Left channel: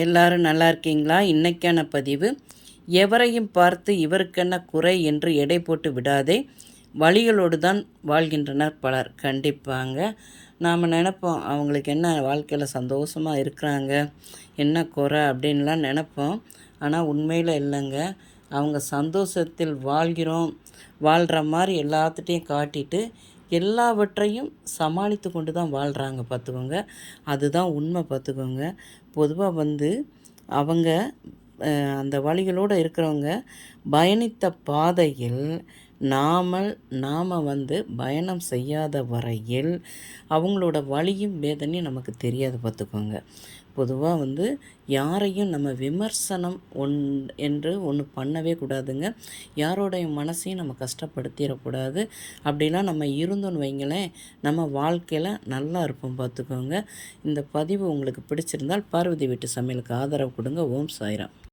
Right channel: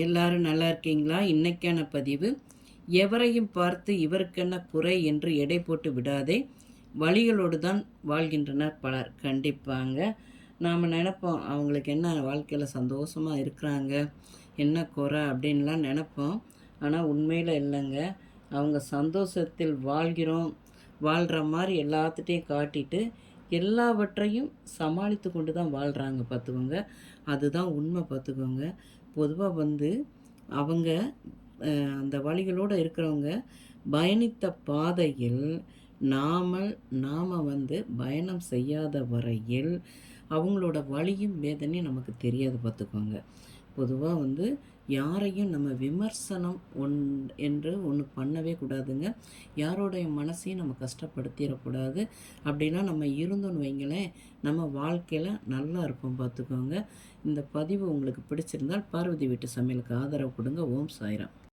எல்லாரும் நல்லா இருக்கீங்களா? இன்னைக்கான பதிவு, எவரையும் பார்த்து இவருக்கென்ன குறை என்று எடை போட்டு விடாதே, வலிகளோடு தான் வாழ்கின்றனர் பலர். கண்டிப்பாங்க. நாம் நினைப்போம், அவங்களுக்கு என்ன வாழ்க்கையில் சந்தோஷமாக இருக்கிறாங்க, என்ன குறை அப்படின்லாம் நினைப்போம். ஆனால் உண்மையில் இல்லைங்க. அவங்க சந்தோஷத்தில் வாழ்கிற மாதிரி எல்லாத்துட்டையும் காட்டிட்டு எல்லாவற்றையும் சமாளித்து கொண்டு தான் வாழ்கிறாங்க பார்த்துக்கோங்க. அதுதான் உண்மை பார்த்துக்கோங்க. பொதுவாக அவங்க அந்த வழிகளோடு இருக்கிறவங்க பயணித்த பாதையில் நாம் பயணம் செய்யாத வரையில் அவங்களோட வலியும் வேதனையும் நமக்கு தெரியாது பார்த்துக்கோங்க. பொதுவாக யாரையும் நம்ம விமர்சனம் என்று ஒன்று பண்ணவே கூடாதுங்க. யாரோடைய மனசையும் நம்ம கஷ்டப்படுத்திடக்கூடாது. அப்படிலாம் நம்ம இருந்தோன்னு வைங்களேன், நம்ம வாழ்க்கையில் நல்லா இருப்போம் பார்த்துக்கோங்க. இந்த பதிவு உங்களுக்கு பிடிச்சிருந்தால் பார்வதி வீட்டு சமையலுக்கு ஆதரவு கொடுங்க. ஓம் சாய்ராம்.